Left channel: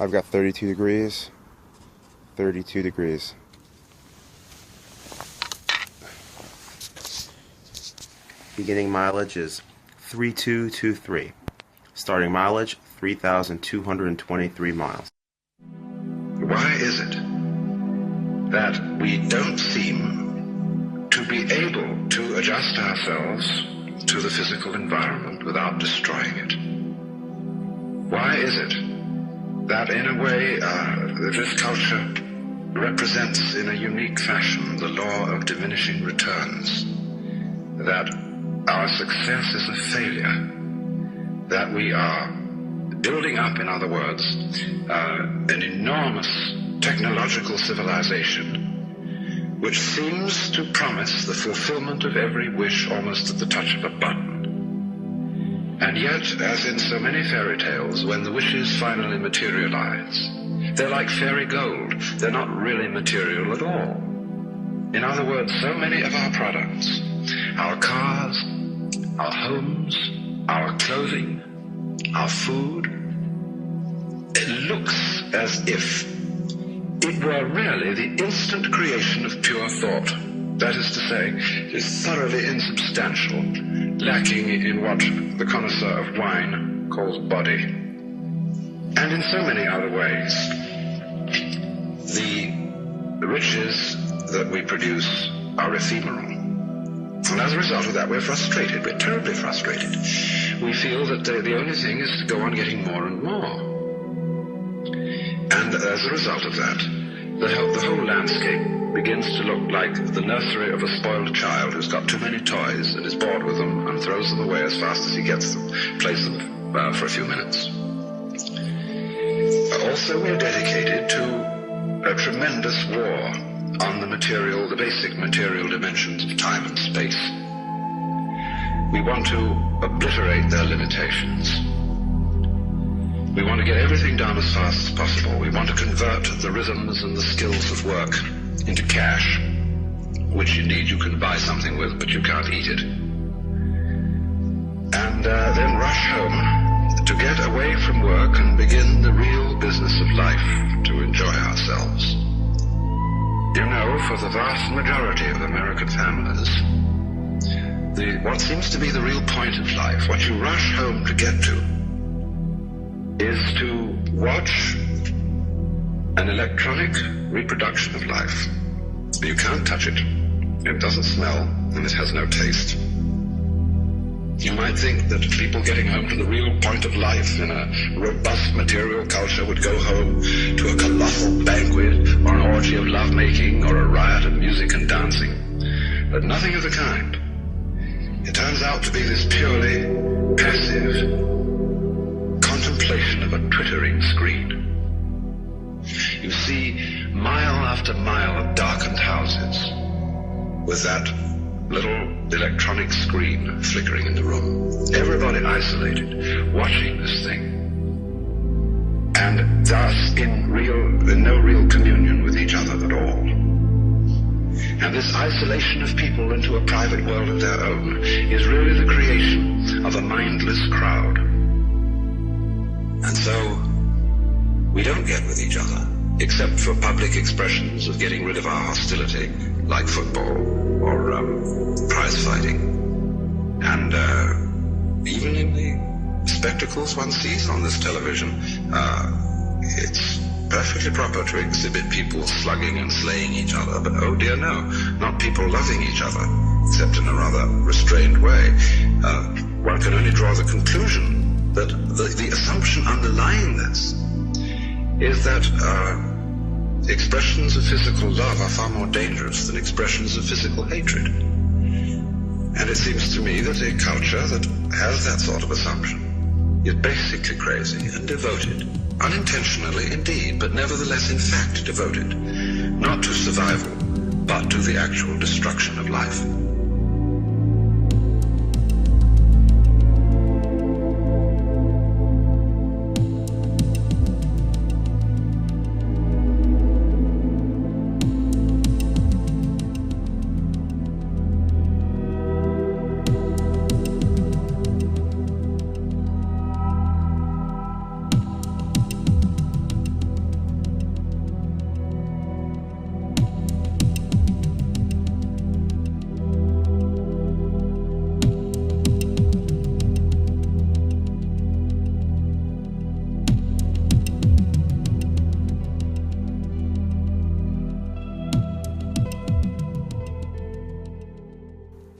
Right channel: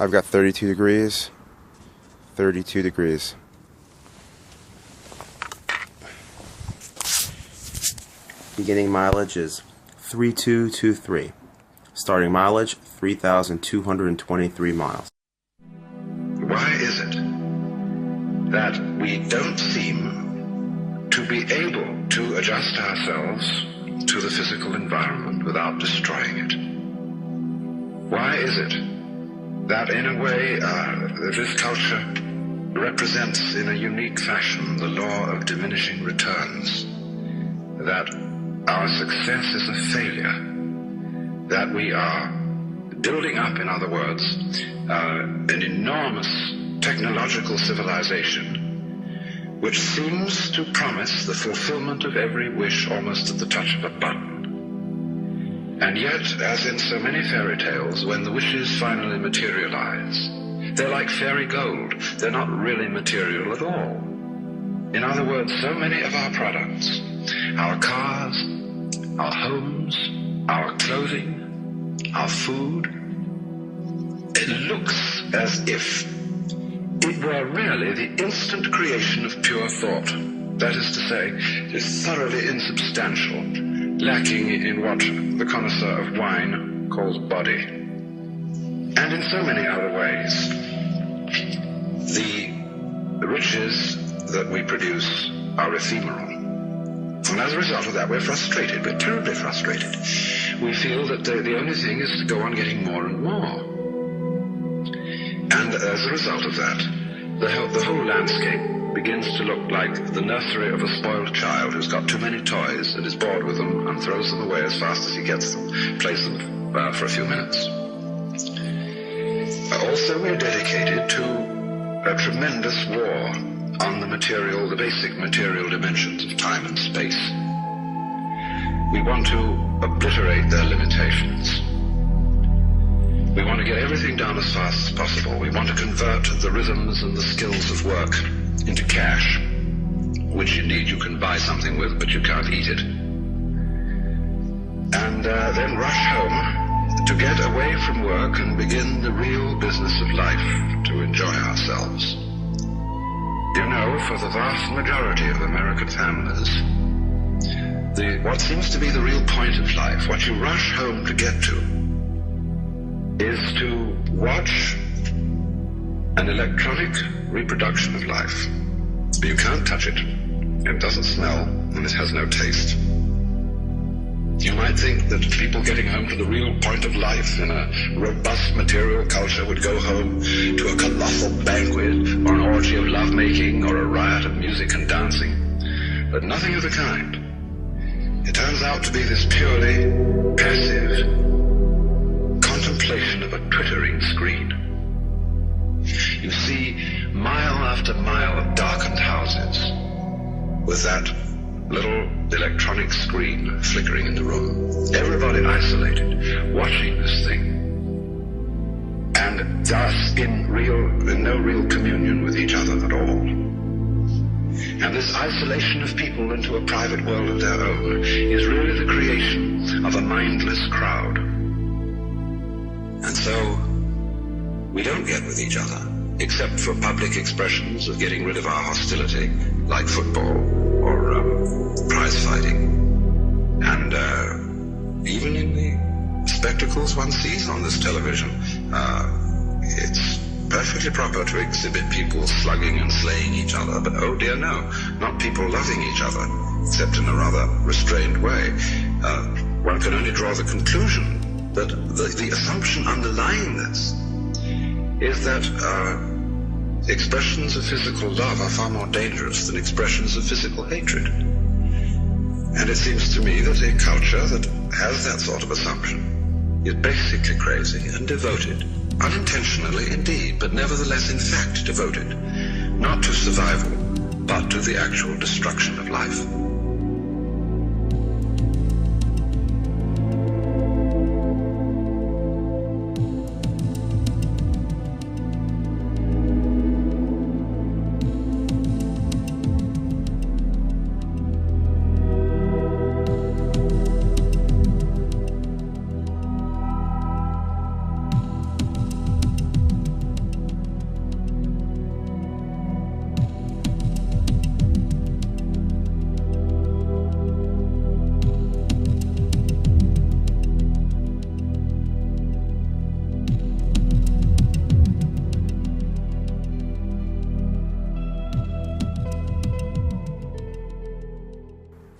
I've got 32 degrees. 32 degrees. Beginning mileage is 3223. Starting mileage 3,223 miles. Why is it that we don't seem to be able to adjust ourselves to the physical environment without destroying it? Why is it that in a way this culture represents in a unique fashion the law of diminishing returns, that our success is a failure, that we are building up, in other words, an enormous technological civilization which seems to promise the fulfillment of every wish almost at the touch of a button. And yet, as in so many fairy tales, when the wishes finally materialize, they're like fairy gold. They're not really material at all. In other words, so many of our products, our cars, our homes, our clothing, our food, it looks as if it were really the instant creation of pure thought. That is to say, it is thoroughly insubstantial, lacking in what the connoisseur of wine calls body. And in so many other ways, the riches that we produce are ephemeral. And as a result of that, we're frustrated. We're terribly frustrated. We feel that the only thing is to go on getting more and more. And as a result of that, the whole landscape begins to look like the nursery of a spoiled child who's got too many toys and is bored with them and throws them away as fast as he gets them, plays them for a few minutes. Also, we're dedicated to a tremendous war on the basic material dimensions of time and space. We want to obliterate their limitations. We want to get everything done as fast as possible. We want to convert the rhythms and the skills of work into cash, which indeed you can buy something with, but you can't eat it. And then rush home to get away from work and begin the real business of life, to enjoy ourselves. You know, for the vast majority of American families, what seems to be the real point of life, what you rush home to get to, is to watch an electronic reproduction of life. You can't touch it. It doesn't smell, and it has no taste. You might think that people getting home to the real point of life in a robust material culture would go home to a colossal banquet or an orgy of lovemaking or a riot of music and dancing. But nothing of the kind. It turns out to be this purely passive contemplation of a twittering screen. You see mile after mile of darkened houses with that little electronic screen flickering in the room. Everybody isolated, watching this thing, and thus in no real communion with each other at all. And this isolation of people into a private world of their own is really the creation of a mindless crowd. And so we don't get with each other, except for public expressions of getting rid of our hostility, like football or prize fighting. And even in the spectacles one sees on this television, it's perfectly proper to exhibit people slugging and slaying each other, but oh dear no, not people loving each other, except in a rather restrained way. One can only draw the conclusion that the assumption underlying this is that expressions of physical love are far more dangerous than expressions of physical hatred. And it seems to me that a culture that has that sort of assumption is basically crazy and devoted, unintentionally indeed, but nevertheless in fact devoted, not to survival, but to the actual destruction of life.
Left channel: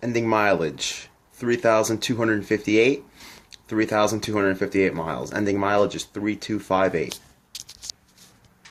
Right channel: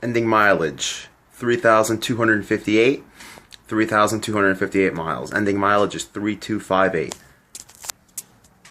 Ending mileage, 3,258. 3,258 miles. Ending mileage is 3,258.